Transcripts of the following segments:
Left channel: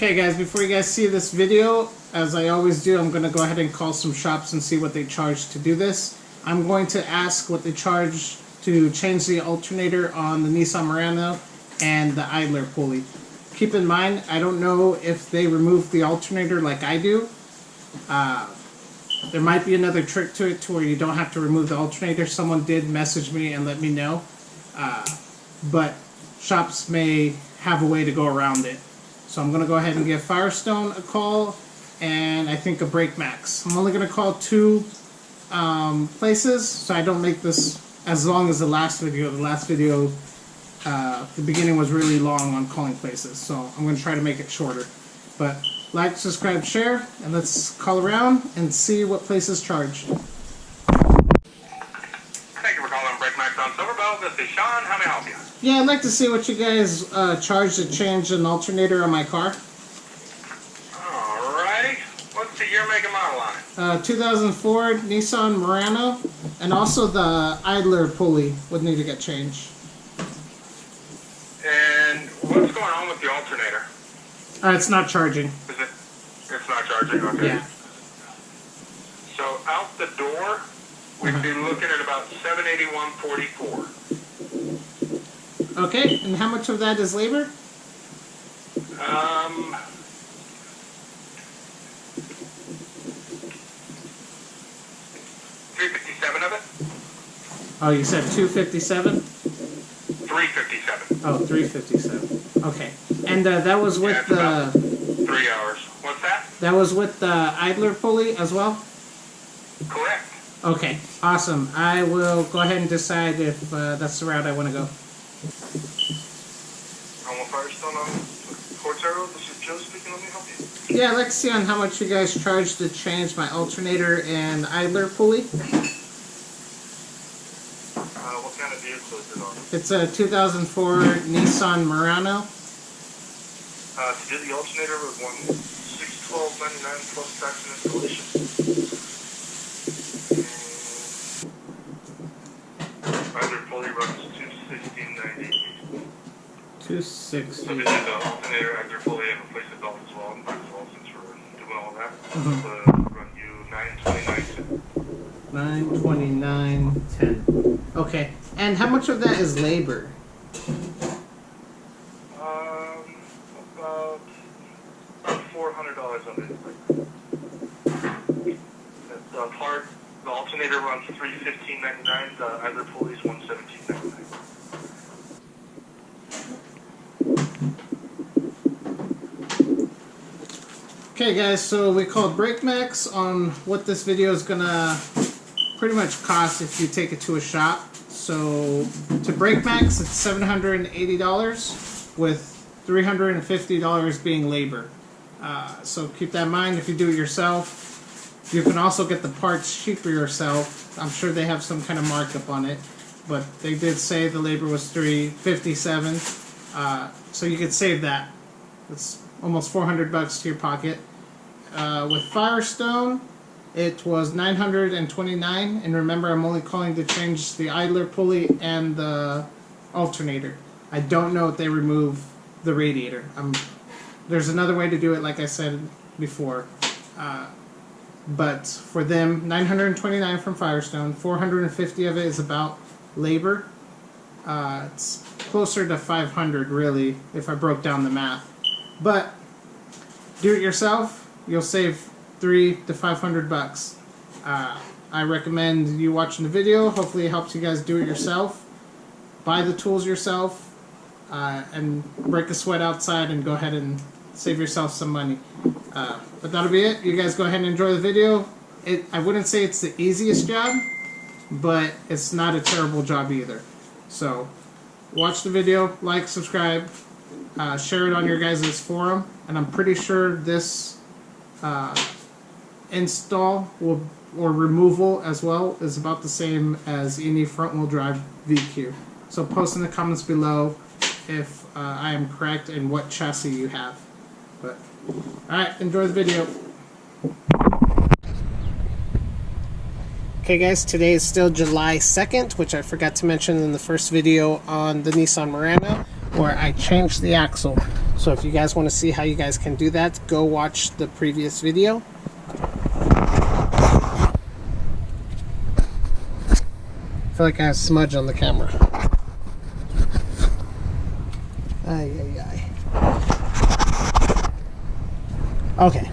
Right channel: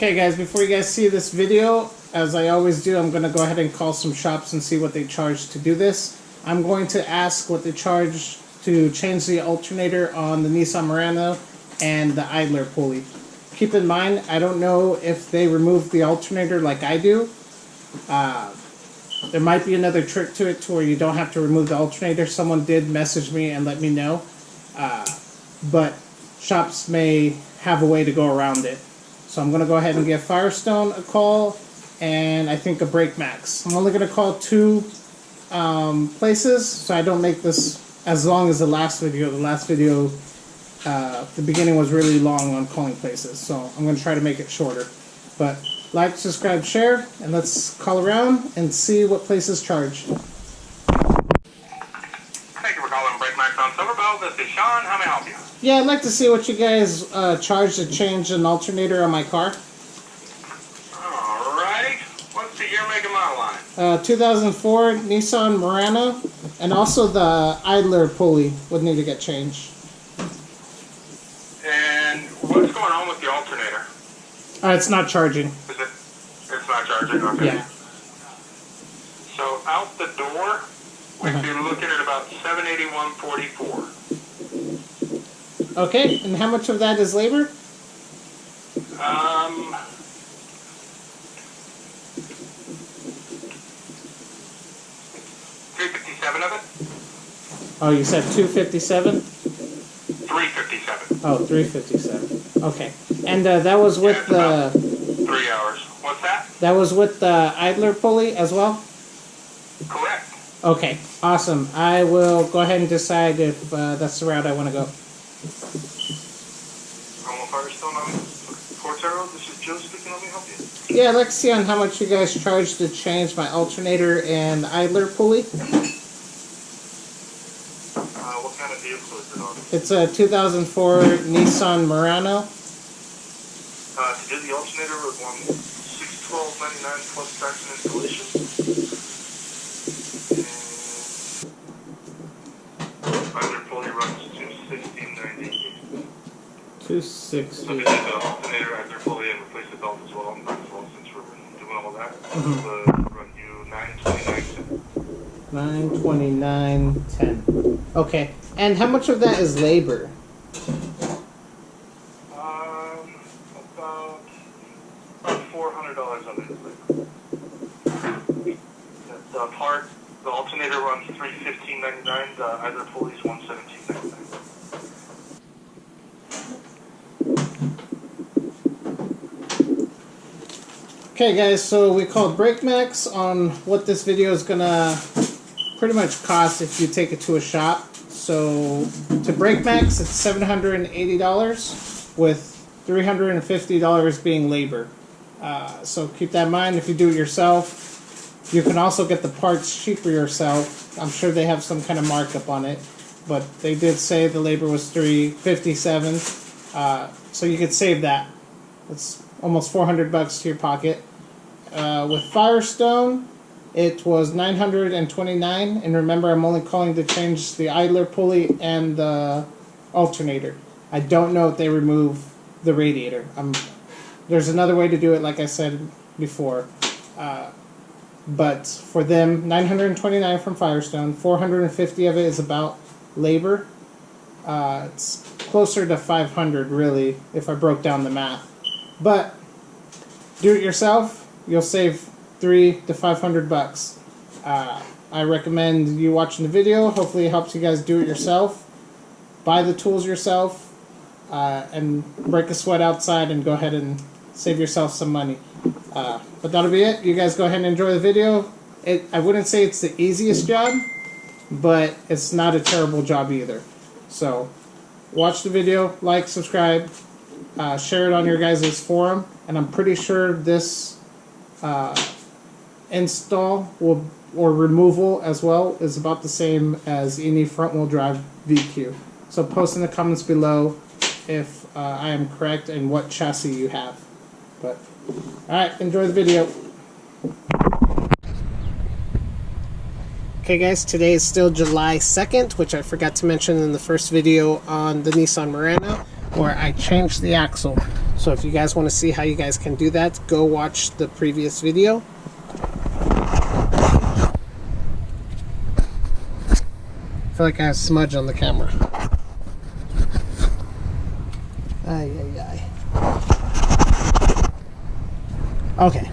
Okay guys, before you guys see this video, as I always do, I'm going to go ahead and call some shops and see what they charge to do this. I'm going to ask what they charge to change the alternator on the Nissan Murano and the idler pulley. Keep in mind, I don't know if they remove the alternator like I do. There might be another trick to it to where you don't have to remove the alternator. Someone did message me and let me know. But shops may have a way to go around it. So I'm going to go ahead and give Firestone a call, and I think a Brake Max. I'm only going to call two places, so I don't make this as long as the last video. The last video, the beginning was really long on calling places, so I'm going to try to make it shorter. But like, subscribe, share, and let's call around and see what places charge. Thank you for calling Brake Max on Silverbell. This is Sean. How may I help you? Yeah, I'd like to see what you guys charge to change an alternator on my car. Alright. What's the year, make, and model on it? 2004 Nissan Murano, and also the idler pulley would need to get changed. And what's going on with the alternator? It's not charging. It's not charging? Okay. Yeah. So out the door, we'd be looking at about $781.44. Okay, and how much of that is labor? $357 of it? Oh, you said 257? $357. Oh, 357. Okay, and that was with the 3 hours. What's that? that was with the idler pulley as well. Correct. Okay, awesome. I will go ahead and decide if that's the route I want to go. Firestone on Fort Zero. This is Joe speaking. Let me help you. Yeah, I'd like to see on how much you guys charge to change my alternator and idler pulley. What kind of vehicle is it on? It's a 2004 Nissan Murano. To do the alternator, we want $612.99 plus tax and installation. And either pulley runs $216.98. 260. So we did the alternator, either pulley, and replace the belt as well. Might as well, since we're doing all that. But run you $929.10. $929.10. Okay, and how much of that is labor? About $400 of it is labor. The part, the alternator runs $315.99. The either pulley is $117.99. Okay guys, so we called Brake Max on what this video is gonna pretty much cost if you take it to a shop. So to Brake Max, it's $780 with $350 being labor. So keep that in mind. If you do it yourself, you can also get the parts cheaper yourself. I'm sure they have some kind of markup on it, but they did say the labor was $357. So you could save that. That's almost $400 to your pocket. With Firestone, it was $929, and remember, I'm only calling to change the idler pulley and the alternator. I don't know if they remove the radiator. There's another way to do it, like I said before. But for them, $929 from Firestone, $450 of it is about labor. It's closer to $500 really, if I broke down the math. But do it yourself, you'll save $300 to $500. I recommend you watching the video. Hopefully it helps you guys do it yourself. Buy the tools yourself, and break a sweat outside and go ahead and save yourself some money. But that'll be it. You guys go ahead and enjoy the video. I wouldn't say it's the easiest job, but it's not a terrible job either. So watch the video, like, subscribe, share it on your guys' forum, and I'm pretty sure this install will or removal as well is about the same as any front wheel drive VQ. So post in the comments below if I am correct and what chassis you have. But alright, enjoy the video. Okay guys, today is still July 2nd, which I forgot to mention in the first video on the Nissan Murano, where I changed the axle. So if you guys want to see how you guys can do that, go watch the previous video. I feel like I have smudge on the camera. Ay, ay, ay. Okay,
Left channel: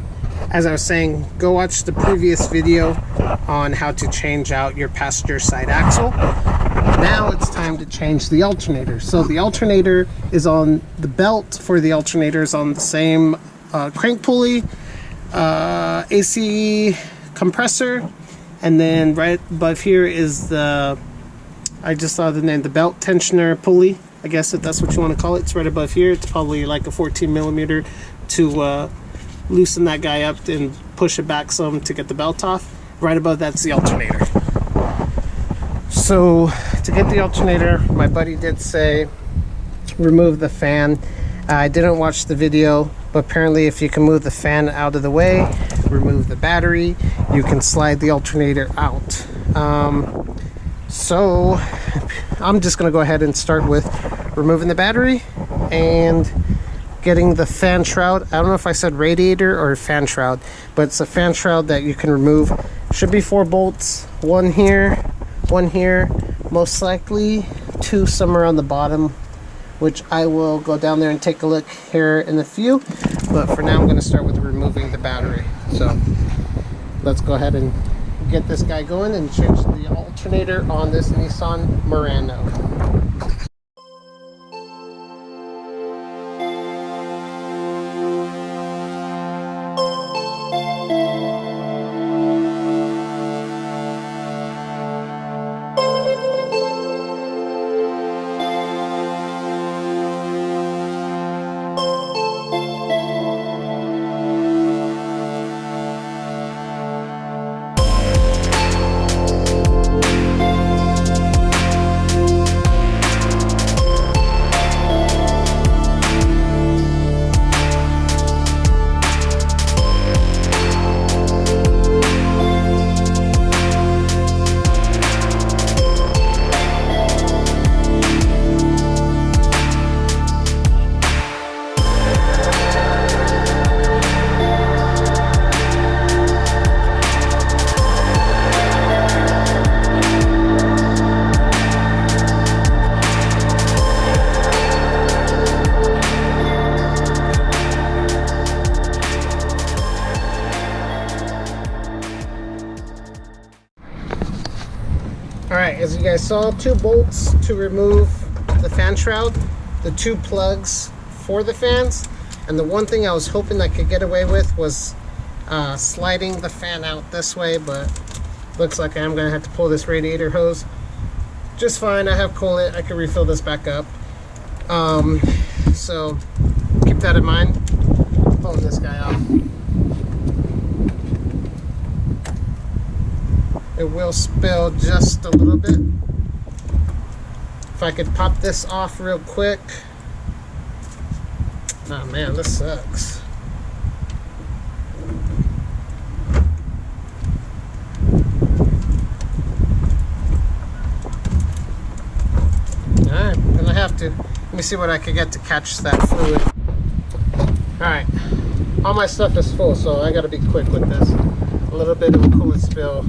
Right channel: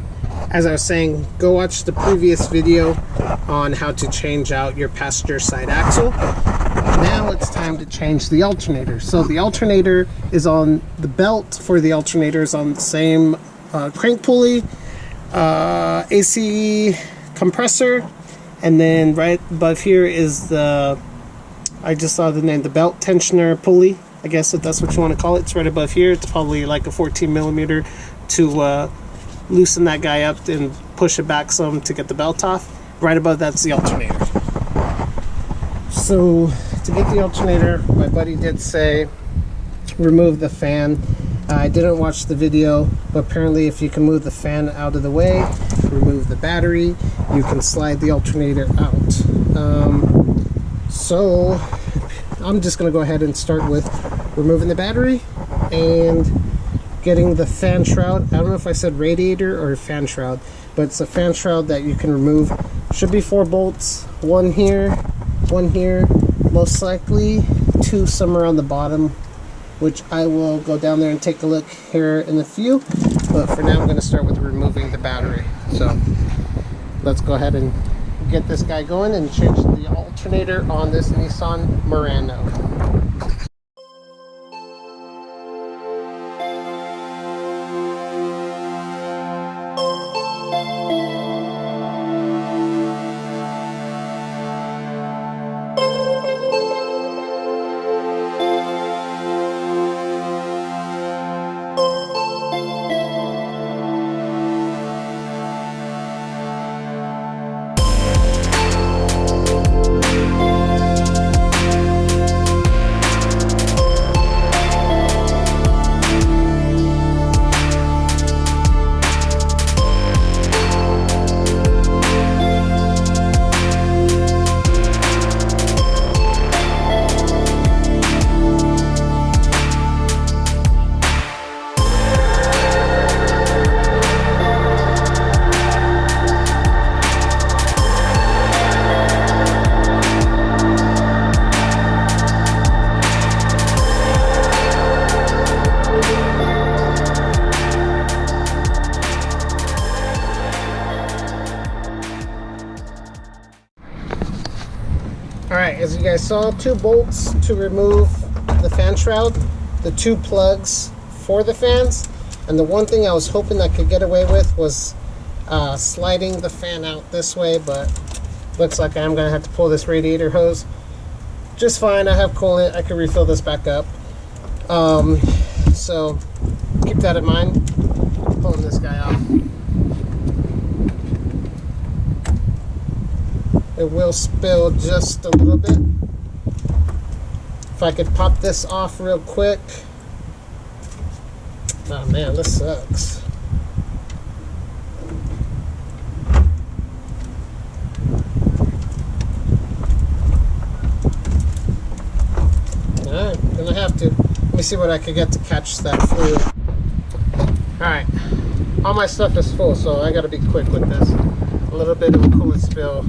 as I was saying, go watch the previous video on how to change out your passenger side axle. Now it's time to change the alternator. So the alternator is on the belt for the alternator is on the same crank pulley, AC compressor, and then right above here is the, I just saw the name, the belt tensioner pulley. I guess if that's what you want to call it. It's right above here. It's probably like a 14 millimeter to loosen that guy up and push it back some to get the belt off. Right above that's the alternator. So to get the alternator, my buddy did say remove the fan. I didn't watch the video, but apparently if you can move the fan out of the way, remove the battery, you can slide the alternator out. So I'm just going to go ahead and start with removing the battery and getting the fan shroud. I don't know if I said radiator or fan shroud, but it's a fan shroud that you can remove. Should be 4 bolts, one here, most likely 2 somewhere on the bottom, which I will go down there and take a look here in a few. But for now I'm going to start with removing the battery. So let's go ahead and get this guy going and change the alternator on this Nissan Murano. Alright, as you guys saw, 2 bolts to remove the fan shroud, the 2 plugs for the fans, and the one thing I was hoping I could get away with was sliding the fan out this way, but looks like I am going to have to pull this radiator hose. Just fine, I have coolant, I can refill this back up. So keep that in mind, pulling this guy off. It will spill just a little bit. If I could pop this off real quick. Oh man, this sucks. Alright, gonna have to. Let me see what I can get to catch that fluid. Alright, all my stuff is full, so I gotta be quick with this. A little bit of a coolant spill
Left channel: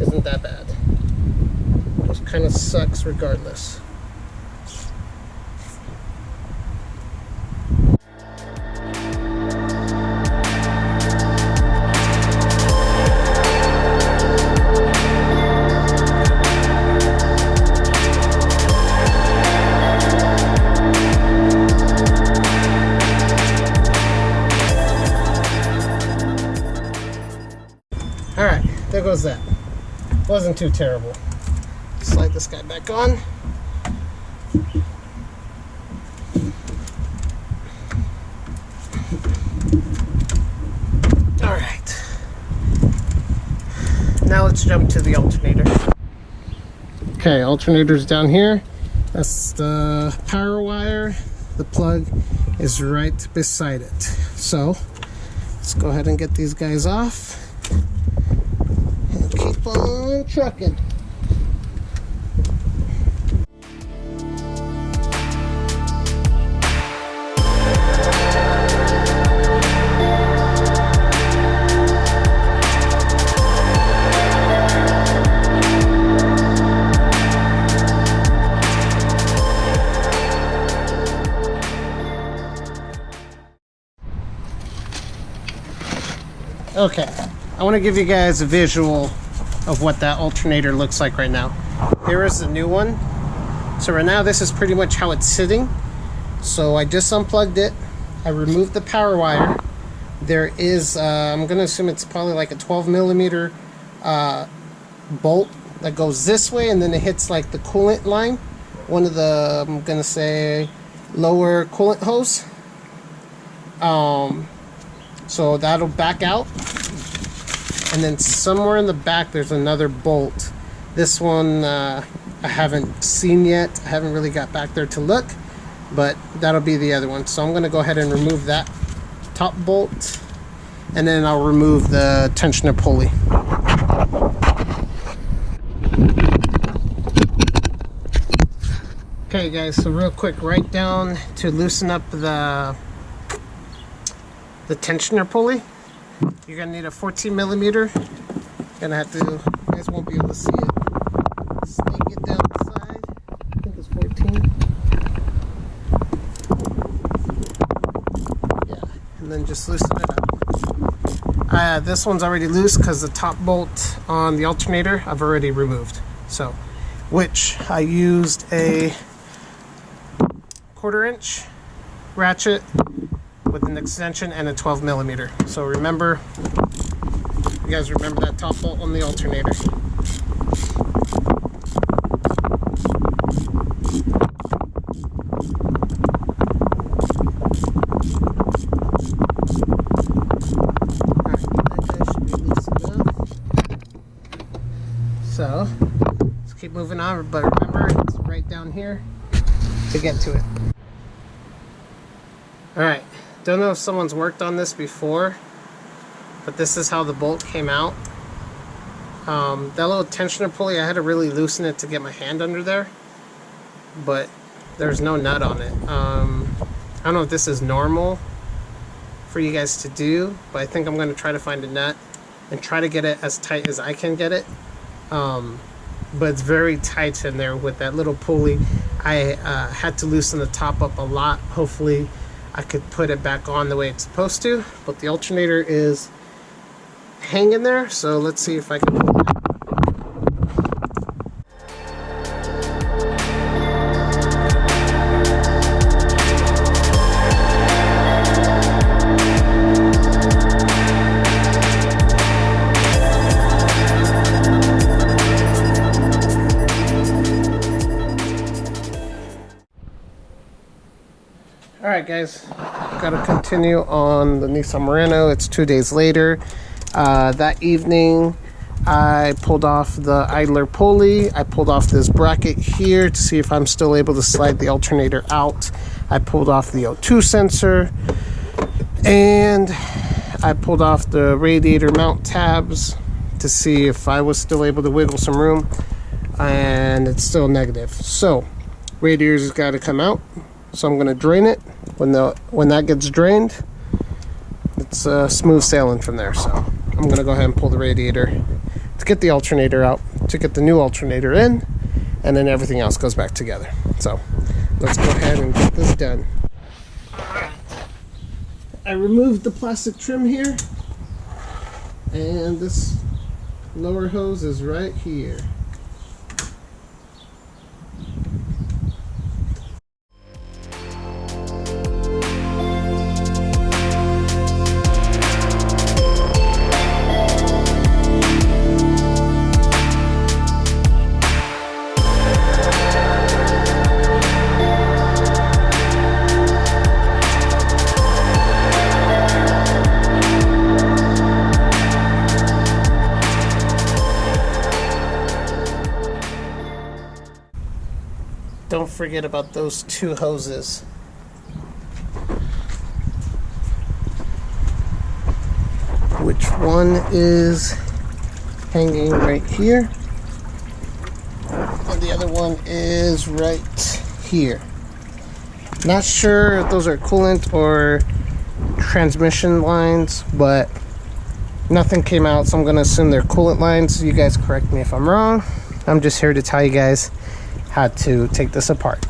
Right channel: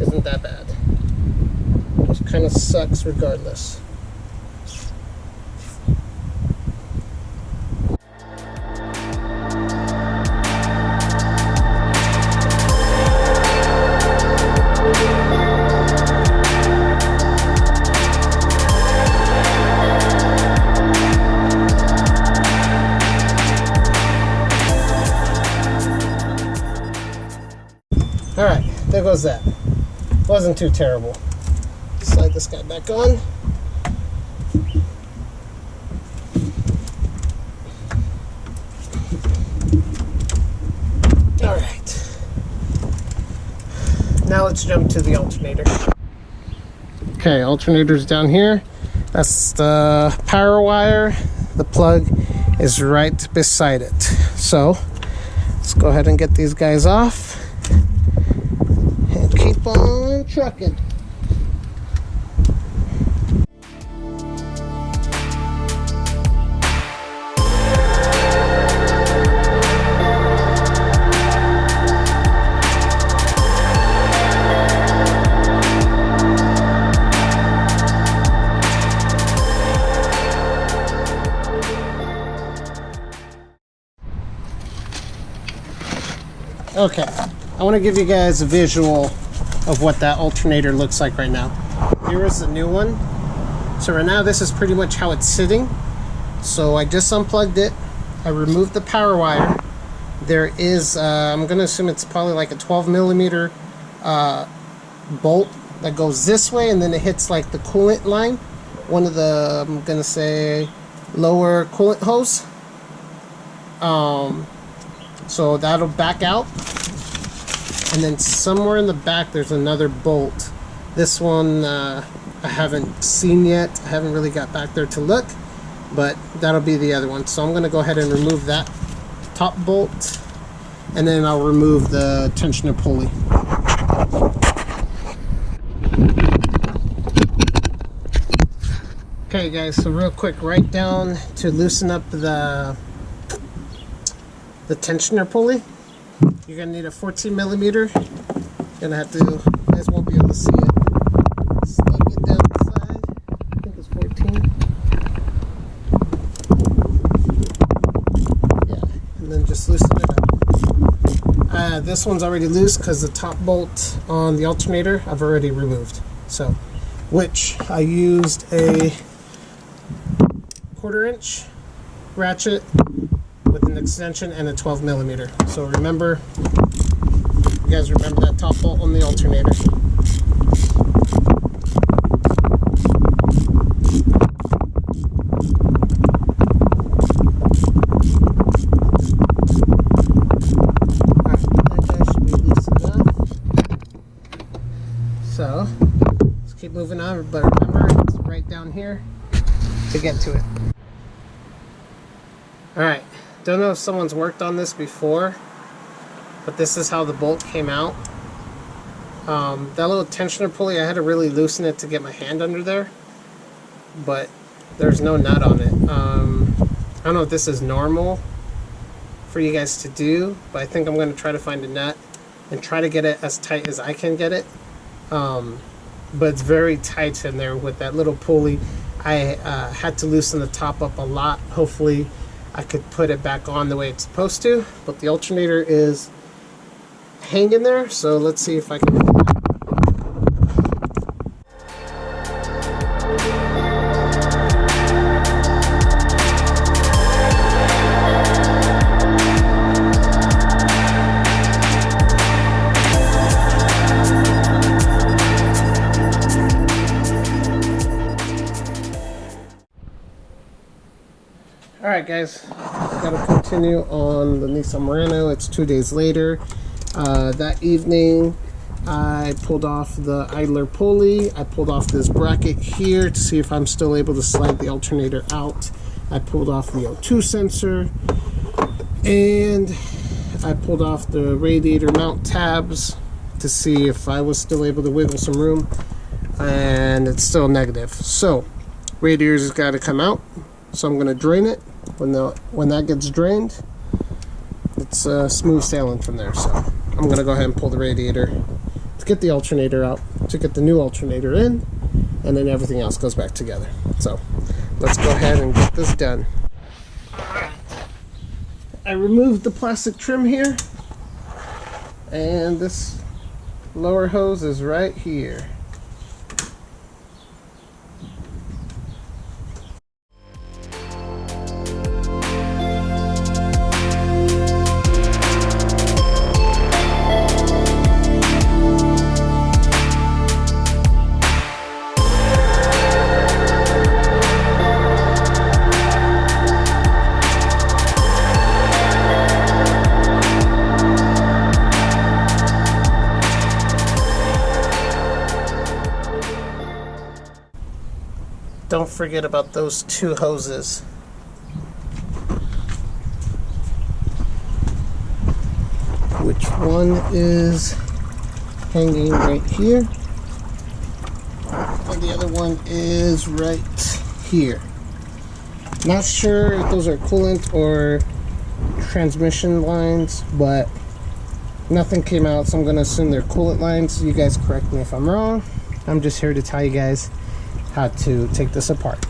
isn't that bad. It kind of sucks regardless. Alright, there goes that. Wasn't too terrible. Slide this guy back on. Alright. Now let's jump to the alternator. Okay, alternator's down here. That's the power wire. The plug is right beside it. So let's go ahead and get these guys off and keep on trucking. Okay, I want to give you guys a visual of what that alternator looks like right now. Here is the new one. So right now this is pretty much how it's sitting. So I just unplugged it. I removed the power wire. There is, I'm going to assume it's probably like a 12 millimeter bolt that goes this way, and then it hits like the coolant line. One of the, I'm going to say, lower coolant hose. So that'll back out. And then somewhere in the back there's another bolt. This one I haven't seen yet. I haven't really got back there to look, but that'll be the other one. So I'm going to go ahead and remove that top bolt, and then I'll remove the tensioner pulley. Okay guys, so real quick, right down to loosen up the tensioner pulley. You're gonna need a 14 millimeter. Gonna have to, you guys won't be able to see it. Snake it down the side. I think it's 14. Yeah, and then just loosen it up. This one's already loose because the top bolt on the alternator I've already removed. So, which I used a 1/4 inch ratchet with an extension and a 12 millimeter. So remember, you guys remember that top bolt on the alternator. Alright, that guy should be loose enough. So, let's keep moving on, but remember, it's right down here to get to it. Alright. Don't know if someone's worked on this before, but this is how the bolt came out. That little tensioner pulley, I had to really loosen it to get my hand under there, but there's no nut on it. I don't know if this is normal for you guys to do, but I think I'm going to try to find a nut and try to get it as tight as I can get it. But it's very tight in there with that little pulley. I had to loosen the top up a lot. Hopefully I could put it back on the way it's supposed to, but the alternator is hanging there, so let's see if I can pull it out. Alright guys, got to continue on the Nissan Murano. It's 2 days later. That evening I pulled off the idler pulley. I pulled off this bracket here to see if I'm still able to slide the alternator out. I pulled off the O2 sensor, and I pulled off the radiator mount tabs to see if I was still able to wiggle some room, and it's still negative. So radiator's got to come out, so I'm going to drain it. When that gets drained, it's smooth sailing from there. So I'm going to go ahead and pull the radiator to get the alternator out, to get the new alternator in, and then everything else goes back together. So let's go ahead and get this done. I removed the plastic trim here, and this lower hose is right here. don't forget about those two hoses. Which one is hanging right here, and the other one is right here. Not sure if those are coolant or transmission lines, but nothing came out, so I'm gonna assume they're coolant lines. You guys correct me if I'm wrong. I'm just here to tell you guys how to take this apart.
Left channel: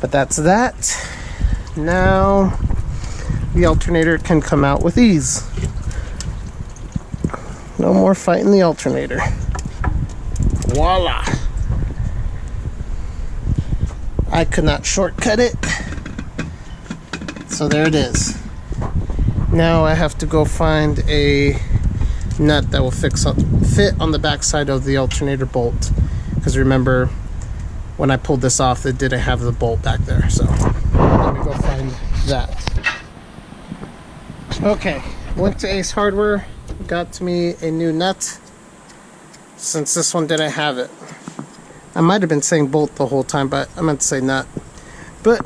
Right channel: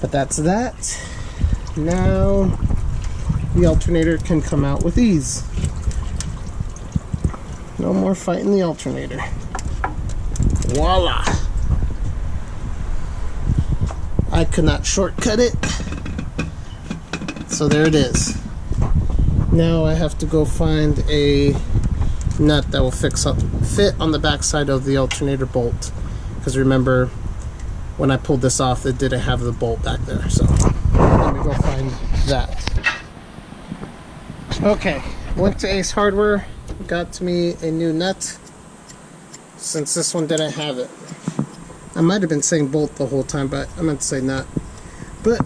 But that's that. Now the alternator can come out with ease. No more fighting the alternator. Voila! I could not shortcut it, so there it is. Now I have to go find a nut that will fit on the back side of the alternator bolt, because remember when I pulled this off it didn't have the bolt back there, so let me go find that. Okay, went to Ace Hardware, got to me a new nut since this one didn't have it. I might have been saying bolt the whole time, but I meant to say nut. But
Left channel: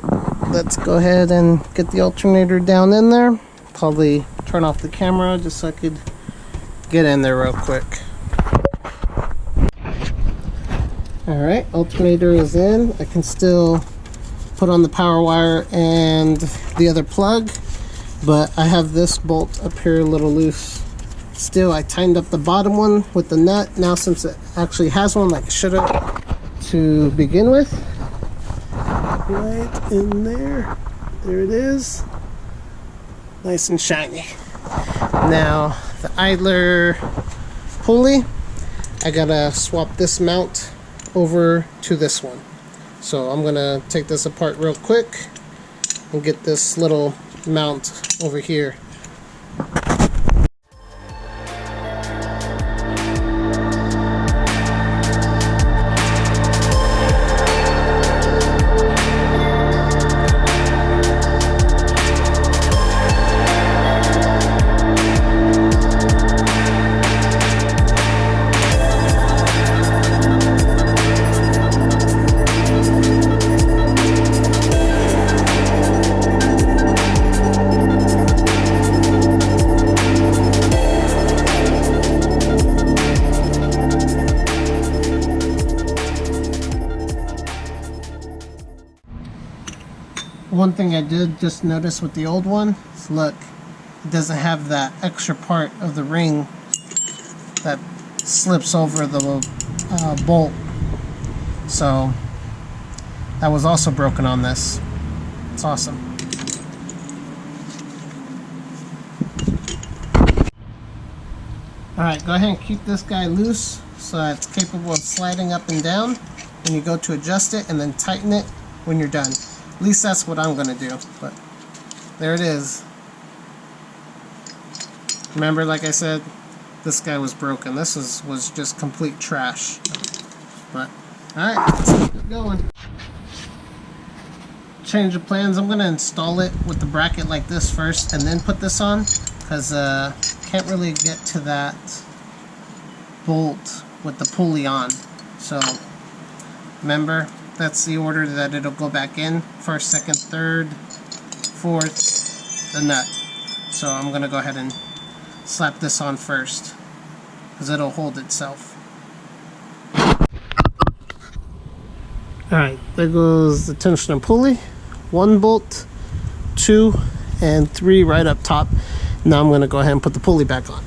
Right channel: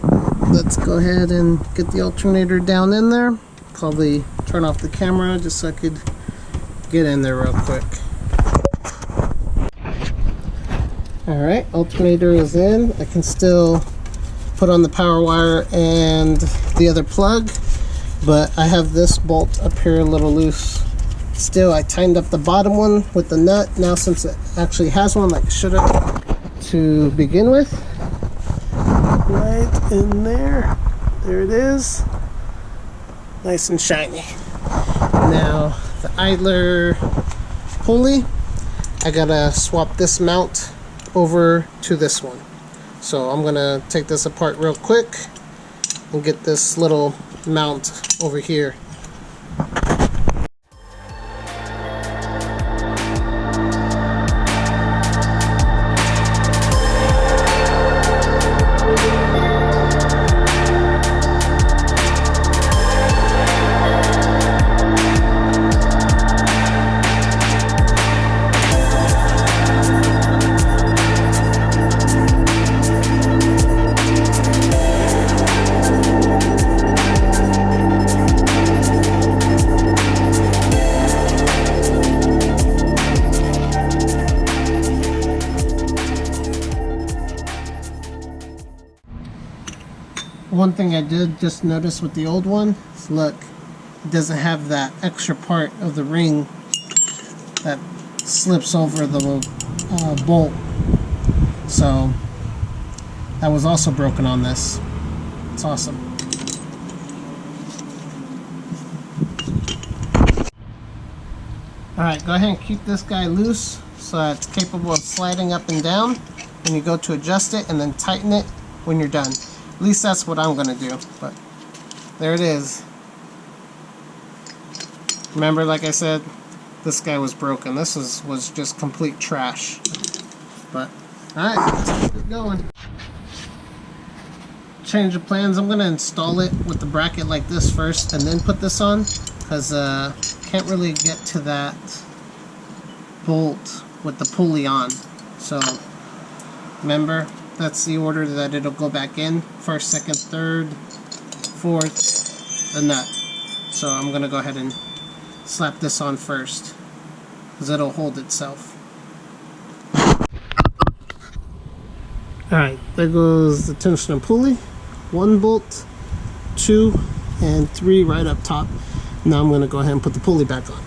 let's go ahead and get the alternator down in there. Probably turn off the camera just so I could get in there real quick. Alright, alternator is in. I can still put on the power wire and the other plug, but I have this bolt up here a little loose. Still, I tightened up the bottom one with the nut. Now since it actually has one like it should have to begin with, right in there, there it is, nice and shiny. Now the idler pulley, I gotta swap this mount over to this one, so I'm gonna take this apart real quick and get this little mount over here. One thing I did just notice with the old one is, look, it doesn't have that extra part of the ring that slips over the bolt. So that was also broken on this. It's awesome. Alright, go ahead and keep this guy loose so that it's capable of sliding up and down. And you go to adjust it and then tighten it when you're done. At least that's what I'm gonna do, but there it is. Remember, like I said, this guy was broken. This was just complete trash. But alright, let's get going. Change of plans. I'm gonna install it with the bracket like this first and then put this on, because can't really get to that bolt with the pulley on. So remember, that's the order that it'll go back in. First, second, third, fourth, the nut. So I'm going to go ahead and slap this on first, because it'll hold itself. Alright, there goes the tension and pulley. 1 bolt, 2, and 3 right up top. Now I'm going to go ahead and put the pulley back on.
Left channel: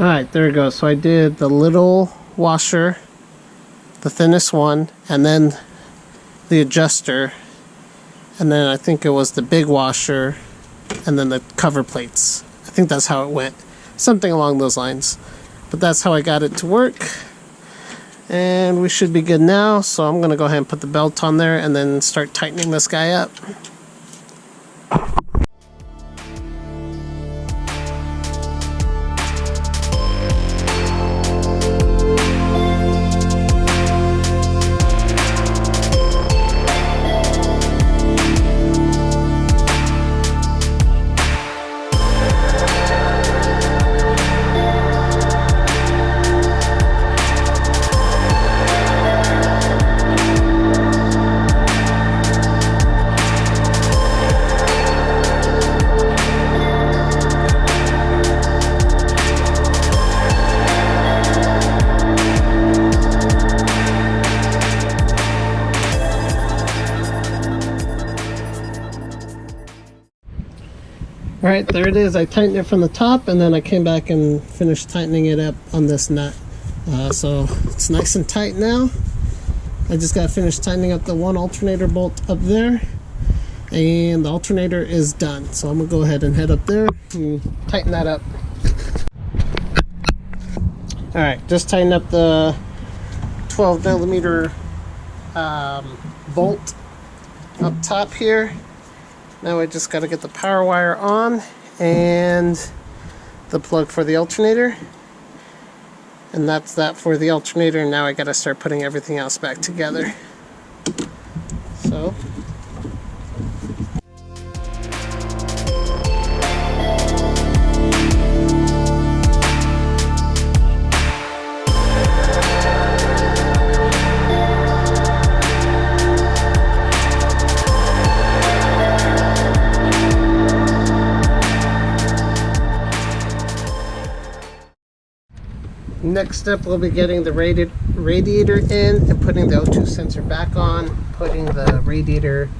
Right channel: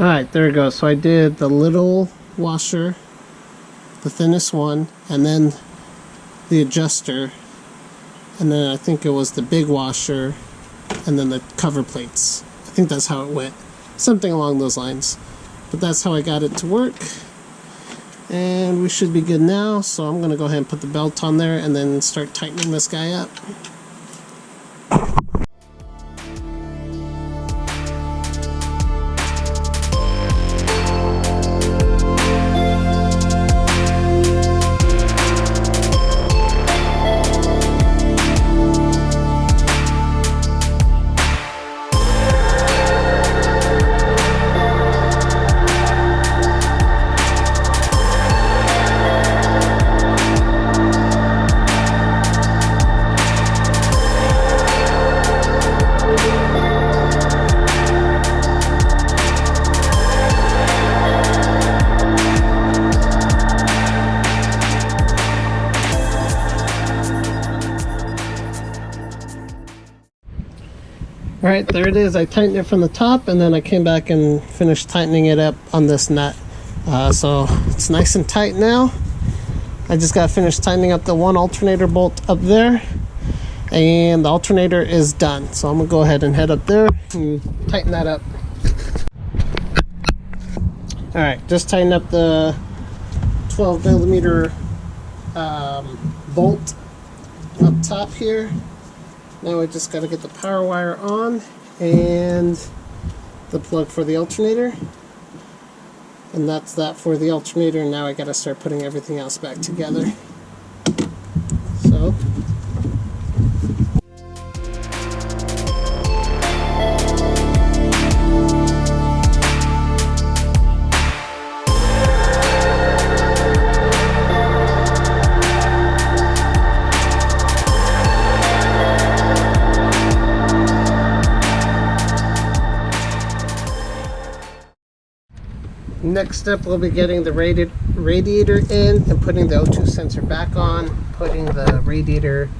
Alright, there it goes. So I did the little washer, the thinnest one, and then the adjuster, and then I think it was the big washer, and then the cover plates. I think that's how it went. Something along those lines. But that's how I got it to work. And we should be good now, so I'm going to go ahead and put the belt on there and then start tightening this guy up. Alright, there it is. I tightened it from the top and then I came back and finished tightening it up on this nut. So it's nice and tight now. I just got finished tightening up the one alternator bolt up there, and the alternator is done. So I'm going to go ahead and head up there and tighten that up. Alright, just tighten up the 12 millimeter bolt up top here. Now I just got to get the power wire on and the plug for the alternator. And that's that for the alternator. Now I got to start putting everything else back together. So next step, we'll be getting the radiator in and putting the O2 sensor back on, putting the radiator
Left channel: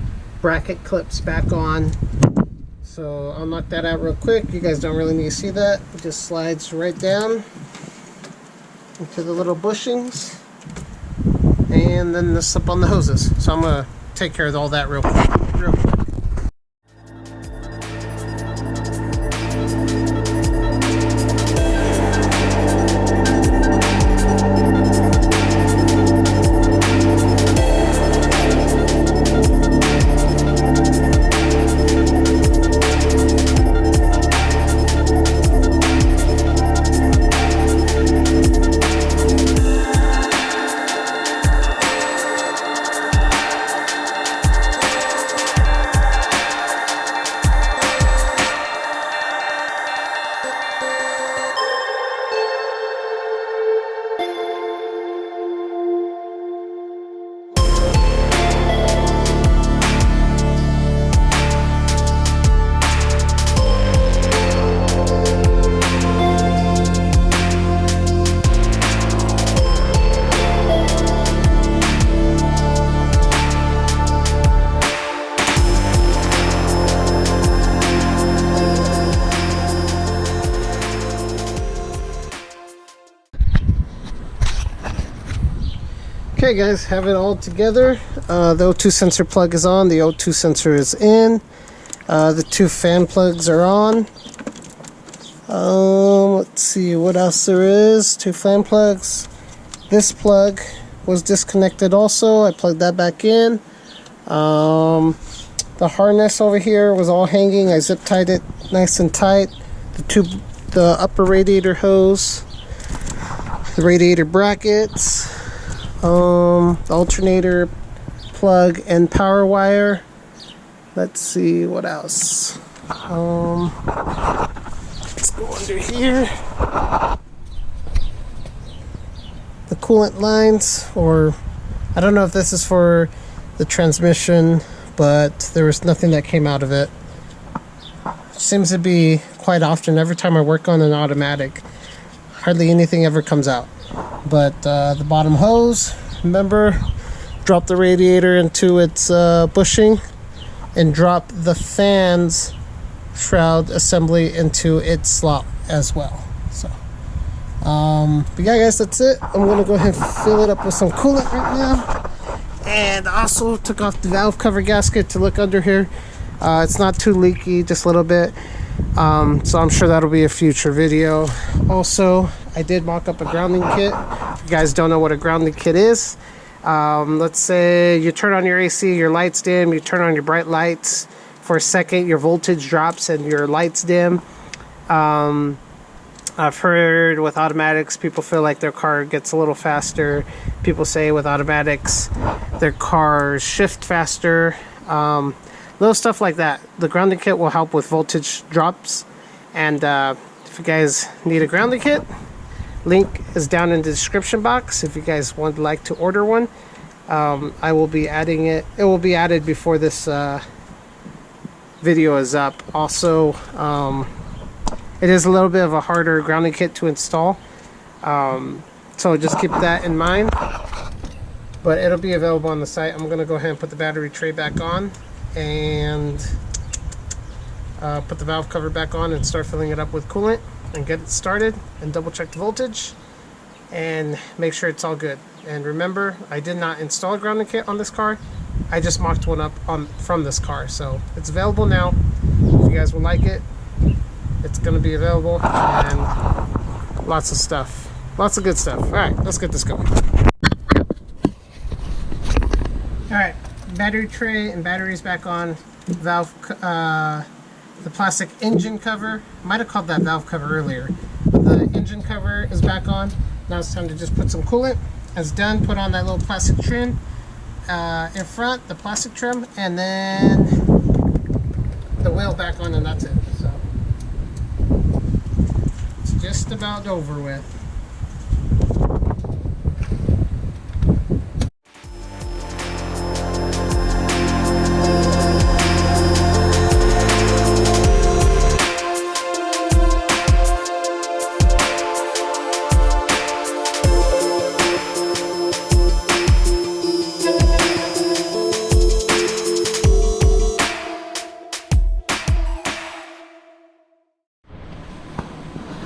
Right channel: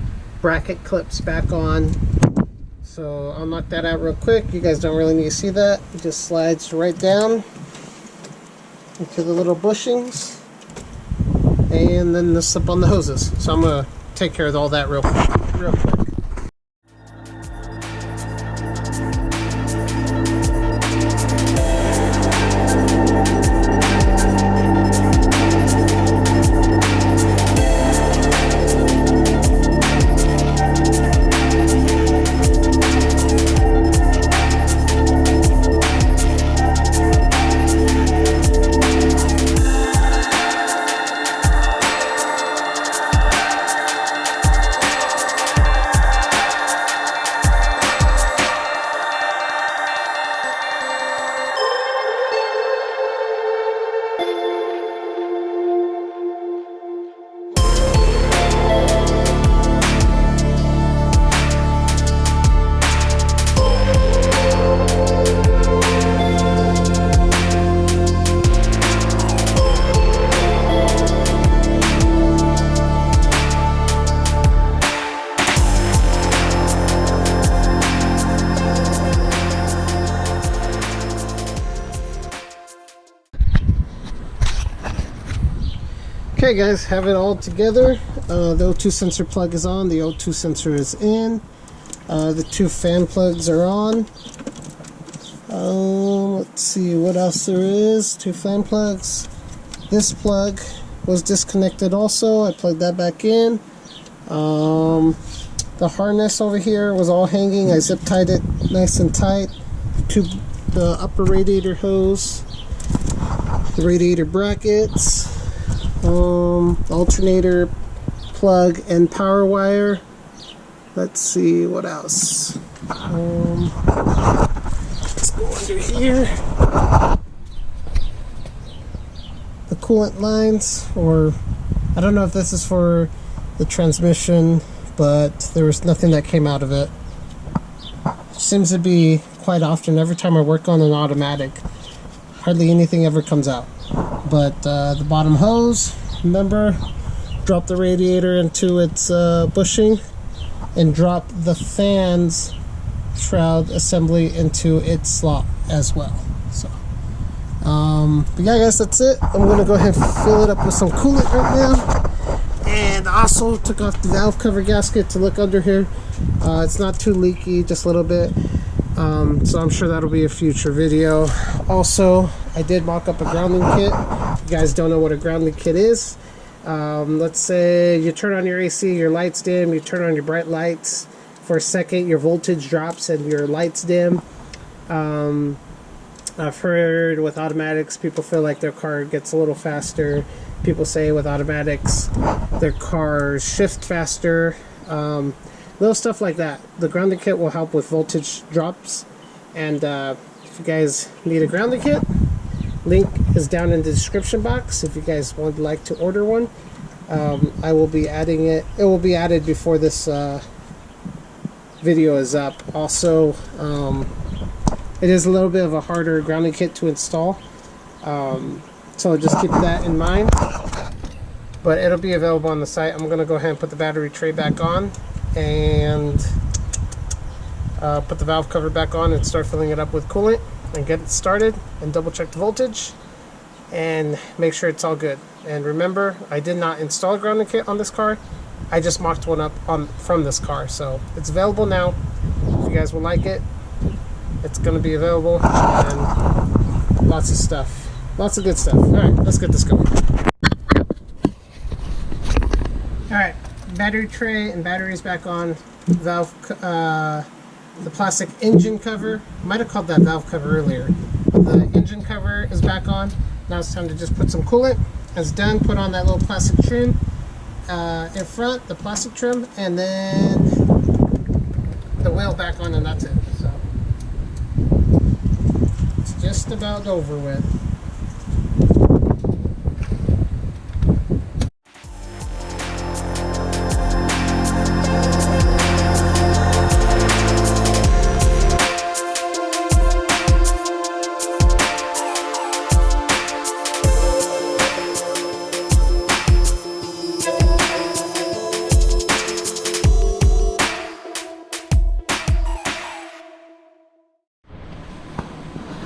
bracket clips back on. So I'll knock that out real quick. You guys don't really need to see that. It just slides right down into the little bushings, and then this up on the hoses. So I'm gonna take care of all that real quick. Okay guys, have it all together. The O2 sensor plug is on, the O2 sensor is in, the two fan plugs are on. Let's see what else there is. Two fan plugs. This plug was disconnected also. I plugged that back in. The harness over here was all hanging. I zip tied it nice and tight. The upper radiator hose, the radiator brackets, the alternator plug and power wire. Let's see what else. Let's go under here. The coolant lines, or I don't know if this is for the transmission, but there was nothing that came out of it. Seems to be quite often. Every time I work on an automatic, hardly anything ever comes out. But the bottom hose, remember, drop the radiator into its bushing and drop the fan's shroud assembly into its slot as well. So But yeah, guys, that's it. I'm gonna go ahead and fill it up with some coolant right now. And also took off the valve cover gasket to look under here. It's not too leaky, just a little bit. So I'm sure that'll be a future video. Also, I did mock up a grounding kit. If you guys don't know what a grounding kit is, let's say you turn on your AC, your lights dim, you turn on your bright lights. For a second, your voltage drops and your lights dim. I've heard with automatics, people feel like their car gets a little faster. People say with automatics, their cars shift faster. Little stuff like that. The grounding kit will help with voltage drops. And if you guys need a grounding kit, link is down in the description box. If you guys would like to order one, I will be adding it. It will be added before this video is up. Also, it is a little bit of a harder grounding kit to install, so just keep that in mind. But it'll be available on the site. I'm gonna go ahead and put the battery tray back on and put the valve cover back on and start filling it up with coolant and get it started, and double check the voltage and make sure it's all good. And remember, I did not install a grounding kit on this car. I just mocked one up from this car, so it's available now. If you guys will like it, it's going to be available, and lots of stuff, lots of good stuff. All right, let's get this going. All right, battery tray and batteries back on. Valve, the plastic engine cover. Might have called that valve cover earlier, but the engine cover is back on. Now it's time to just put some coolant. It's done. Put on that little plastic trim in front, the plastic trim, and then the wheel back on, and that's it. So it's just about over with.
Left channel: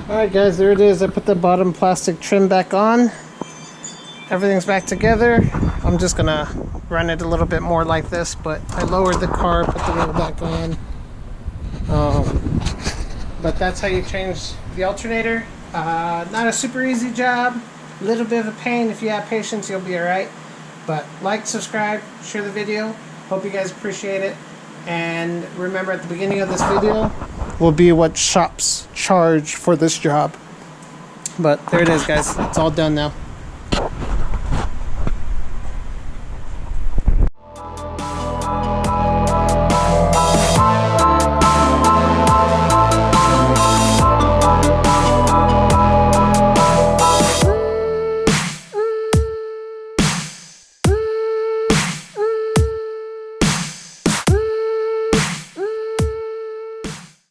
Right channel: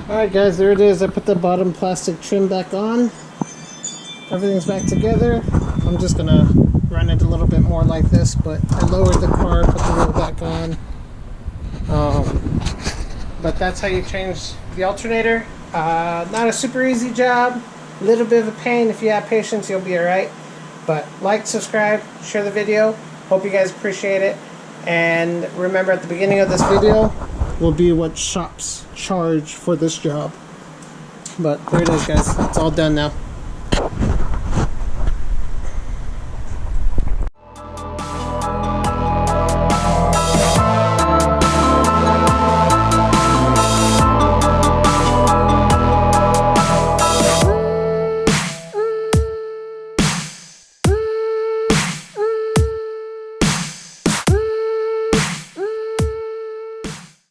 Alright guys, there it is. I put the bottom plastic trim back on. Everything's back together. I'm just gonna run it a little bit more like this, but I lowered the car, put the wheel back on. But that's how you change the alternator. Not a super easy job. A little bit of a pain. If you have patience, you'll be alright. But like, subscribe, share the video. Hope you guys appreciate it. And remember, at the beginning of this video will be what shops charge for this job. But there it is, guys. It's all done now.